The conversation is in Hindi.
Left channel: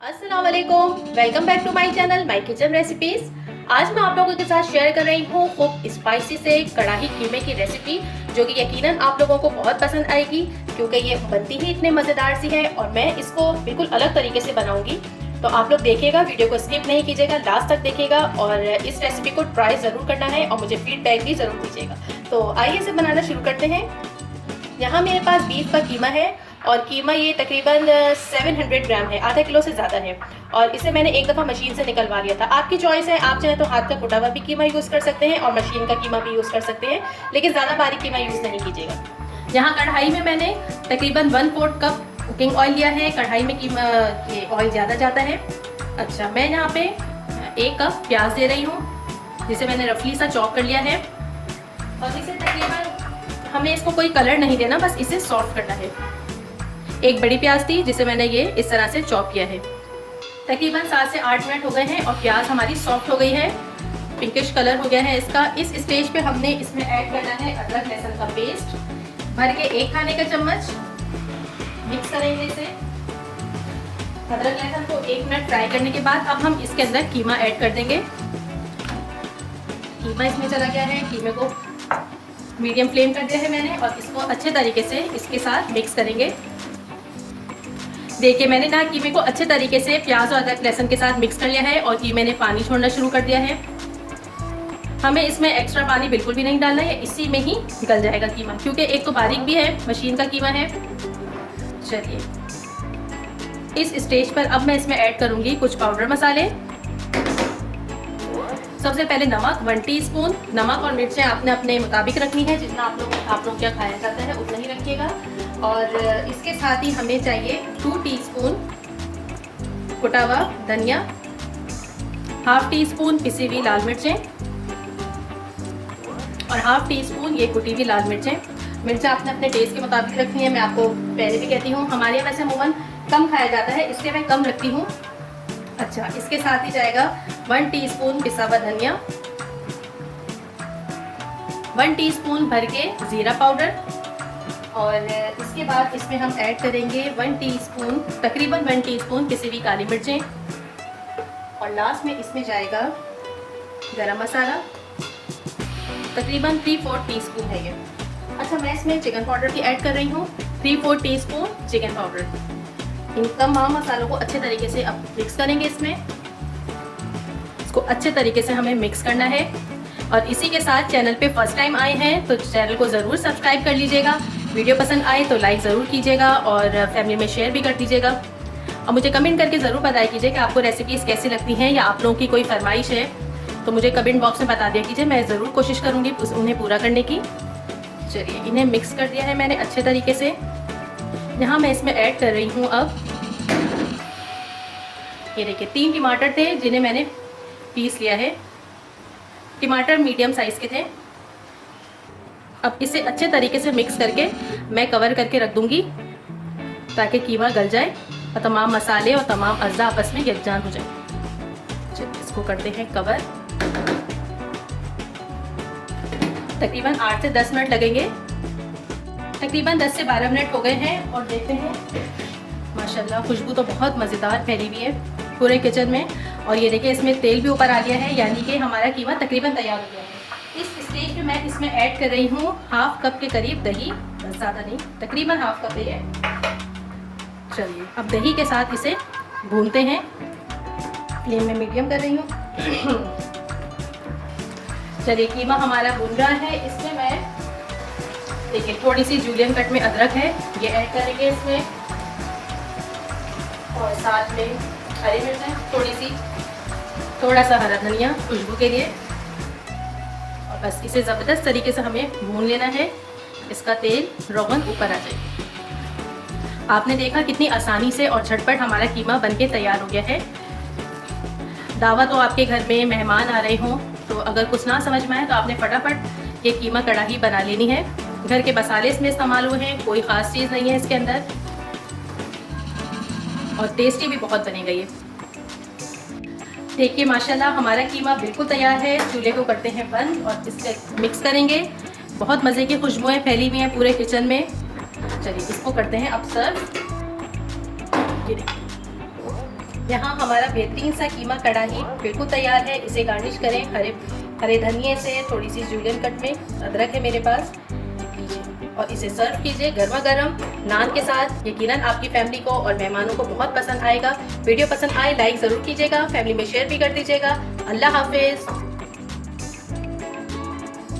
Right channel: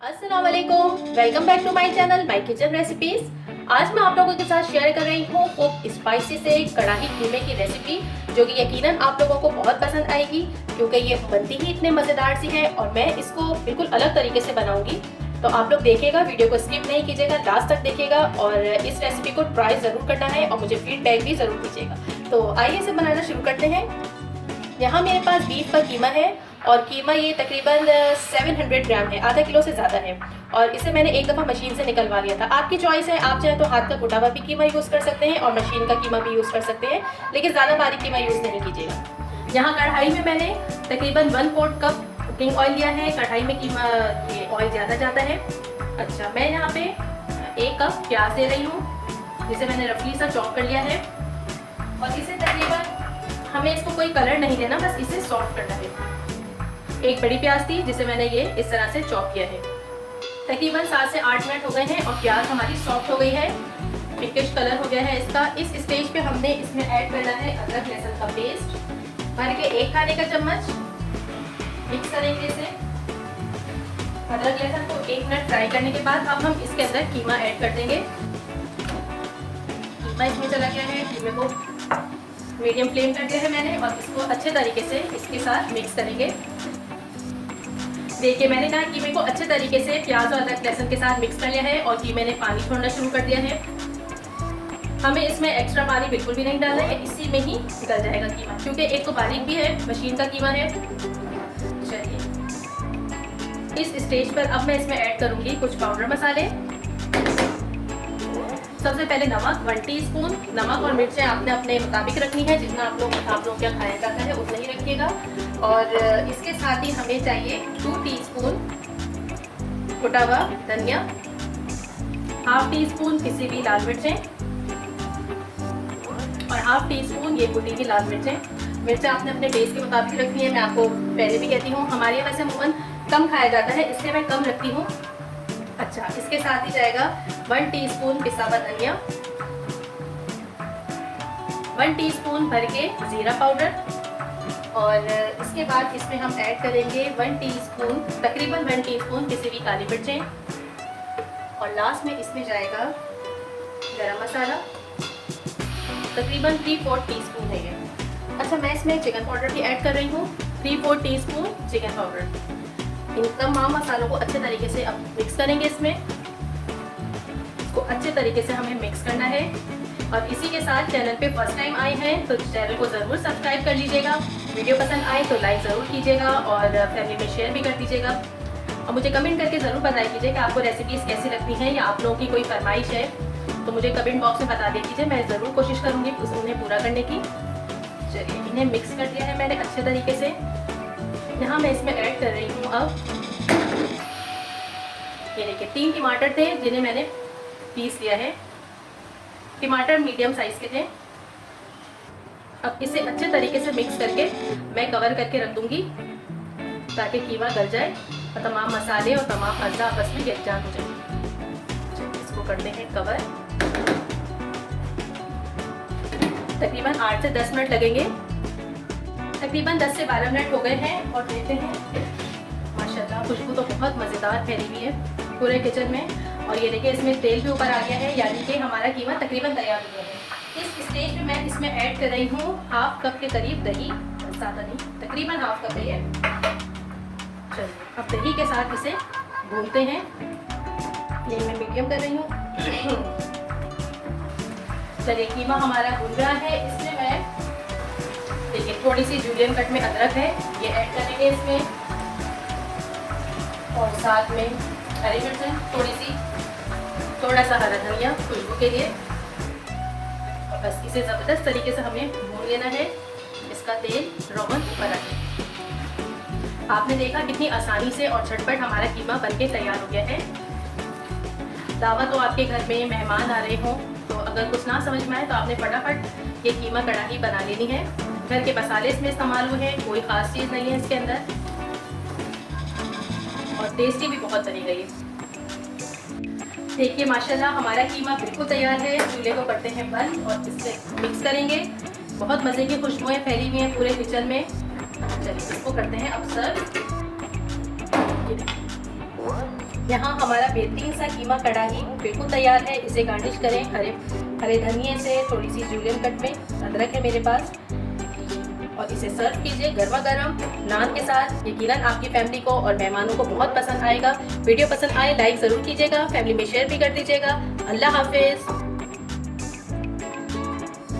अस्सलाम वालेकुम, welcome back to my channel my kitchen recipes. आज मैं आप लोगों के साथ शेयर कर रही हूँ खूब स्पाइसी से कढ़ाई कीमे की रेसिपी, जो कि यकीनन आप लोगों को बहुत पसंद आएगी क्योंकि ये बनती ही इतने मज़ेदार सी है और मैं इसको बिल्कुल अलग तरीके से बनाऊंगी। तो आप लोग देखिएगा, वीडियो को स्किप नहीं कीजिएगा, लास्ट तक देखिएगा और इस रेसिपी को ट्राई ज़रूर करना है और मुझे फीडबैक भी ज़रूर दीजिएगा। तो आइए इसे बनाना शुरू करते हैं। यहाँ मेरे पास बीफ का कीमा है और कीमा ये तकरीबन 700 ग्राम है, आधा किलो से ज़्यादा है। और इसे मैंने एक दफ़ा मशीन से निकलवा लिया था। आपकी चॉइस है, आप चाहे तो हाथ का कुटा हुआ भी कीमा यूज़ कर सकते हैं और मशीन का कीमा भी यूज़ कर सकते हैं, लेकिन ज़्यादा बारीक कीमा यूज़ नहीं कीजिएगा। यहाँ कढ़ाई में मैंने तकरीबन 1/4 कप कुकिंग ऑयल लिया है। कढ़ाई में कीमा ये ऑयल ज़्यादा जाता है। अच्छा, मैं यहाँ पे 1 कप प्याज दे रही हूँ, जिसे मैंने रफली सा चॉप कर लिया है। और इसे तकरीबन हमें इसको कोई कलर नहीं देना, बस इसे सॉफ्ट करना है। एक बड़ी प्याज थी जिसे मैंने ये इस तरह से चॉप किया है। तकरीबन 7 से 8 मिनट हो गए हैं और प्याज हमारी सॉफ्ट हो गई है, पिंकिश कलर हो गया है इसका। इस स्टेज पे हमने इसमें ऐड करना है अदरक लहसुन का पेस्ट, भर के 1 खाने का चम्मच। मिक्स करेंगे इसे। अदरक लहसुन को 1 मिनट फ्राई करने के बाद अब हम इसके अंदर कीमा ऐड कर देंगे। कीमा इसमें चला गया है। कीमे को मीडियम फ्लेम कर दिया है मैंने और इसको अच्छे तरीके से इसके साथ मिक्स करेंगे। देखिए, मैंने ना कीमे को अच्छे तरीके से प्याज और अदरक लहसुन के साथ मिक्स कर लिया है और कीमे ने पानी छोड़ना शुरू कर दिया है। हमें इसमें एक्स्ट्रा पानी बिल्कुल भी नहीं डालना है, इसी में ही गल जाएगा कीमा, क्योंकि एक तो बारीक भी है, मशीन का कीमा है। चलिए, इस स्टेज पर अब मैं इसमें ऐड करूंगी कुछ पाउडर मसाले। सबसे पहले नमक 1 टीस्पून। नमक और मिर्चें आपने अपने मुताबिक रखनी है, जितना आप लोग क्या खाया जाता है उतना ही रखिएगा। और इसके साथ ही हमें चाहिए 2 टीस्पून कुटा हुआ धनिया, 1/2 टीस्पून पिसी हुई लाल मिर्चें और 1/2 टीस्पून ये कुटी हुई लाल मिर्चें। मिर्चें आपने अपने टेस्ट के मुताबिक रखनी है। मैं आपको पहले भी कहती हूँ, हमारे यहाँ वैसे अमूमन कम खाया जाता है, इसलिए मैं कम रखती हूँ। अच्छा, इसके साथ ही जाएगा 1 टीस्पून पिसा हुआ धनिया, 1 टीस्पून भर के जीरा पाउडर और इसके बाद इसमें हम ऐड करेंगे 1 टीस्पून, तकरीबन 1 टीस्पून पिसी हुई काली मिर्चें और लास्ट में इसमें जाएगा गरम मसाला, तकरीबन 3/4 टीस्पून है ये। अच्छा, मैं इसमें चिकन पाउडर भी ऐड कर रही हूँ, 3/4 टीस्पून चिकन पाउडर। इन तमाम मसालों को अच्छे तरीके से अब मिक्स करेंगे। इसको अच्छे तरीके से हमें मिक्स करना है। और इसी के साथ चैनल पे फर्स्ट टाइम आए हैं तो चैनल को ज़रूर सब्सक्राइब कर लीजिएगा। वीडियो पसंद आए तो लाइक ज़रूर कीजिएगा और फैमिली में शेयर भी कर दीजिएगा। और मुझे कमेंट करके ज़रूर बताया कीजिए कि आपको रेसिपीज़ कैसी लगती हैं या आप लोगों की कोई फरमाइश है तो मुझे कमेंट बॉक्स में बता दिया कीजिए, मैं ज़रूर कोशिश करूँगी उन्हें पूरा करने की। चलिए, इन्हें मिक्स कर दिया है मैंने अच्छे तरीके से। यहाँ मैं इसमें ऐड कर रही हूँ अब, ये देखिए 3 टमाटर थे जिन्हें मैंने पीस लिया है। टमाटर मीडियम साइज़ के थे। अब इसे अच्छे तरीके से मिक्स करके मैं कवर करके रख दूंगी ताकि कीमा गल जाए और तमाम मसाले और तमाम अज़्ज़ा आपस में यकजान हो जाए। इसको करते हैं कवर। तकरीबन 8 से 10 मिनट लगेंगे। तकरीबन 10 से 12 मिनट हो गए हैं और देखते हैं, माशाल्लाह खुशबू तो बहुत मज़ेदार फैली हुई है पूरे किचन में। और ये देखिए, इसमें तेल भी ऊपर आ गया है, यानी कि हमारा कीमा तकरीबन तैयार हो गया है। इस स्टेज पे मैं इसमें ऐड कर रही हूँ 1/2 कप के करीब दही, ज़्यादा नहीं, तकरीबन 1/2 कप दही है। चलिए, अब दही के साथ इसे भूनते हैं। फ्लेम में मीडियम कर रही हूँ। चलिए, कीमा हमारा भून रहा है। इसमें मैं देखिए थोड़ी सी जूलियन कट में अदरक है, ये ऐड करेंगे इसमें और साथ में हरी मिर्च थोड़ी सी, थोड़ा सा हरा धनिया खुशबू के लिए। और बस इसे ज़बरदस्त तरीके से हमें भून लेना है, इसका तेल रोगन ऊपर आ जाए। आपने देखा कितनी आसानी से और झटपट हमारा कीमा बनके तैयार हो गया है। दावत हो आपके घर में, मेहमान आ रहे हों, तो अगर कुछ ना समझ में आए तो आपने फटाफट ये कीमा कढ़ाई बना लेनी है। घर के मसाले इसमें इस्तेमाल हुए हैं, कोई ख़ास चीज़ नहीं है इसके अंदर और टेस्टी भी बहुत बनी गई है। देखिए, माशाल्लाह हमारा कीमा बिल्कुल तैयार है। चूल्हे को करते हैं बंद और इससे मिक्स करेंगे। बहुत मज़े की खुशबुएं फैली हुई हैं पूरे किचन में। चलिए, इसको करते हैं अब सर्व। ये देखिए, यहाँ हमारा बेहतरीन सा कीमा कढ़ाई बिल्कुल तैयार है। इसे गार्निश करें हरे धनिए से, थोड़ी सी जूलियन कट में अदरक है मेरे पास, और इसे सर्व कीजिए गर्मा गर्म नान के साथ। यकीनन आपकी फैमिली को और मेहमानों को बहुत पसंद आएगा। वीडियो पसंद आए लाइक ज़रूर कीजिएगा, फैमिली में शेयर भी कर दीजिएगा। अल्लाह हाफिज़।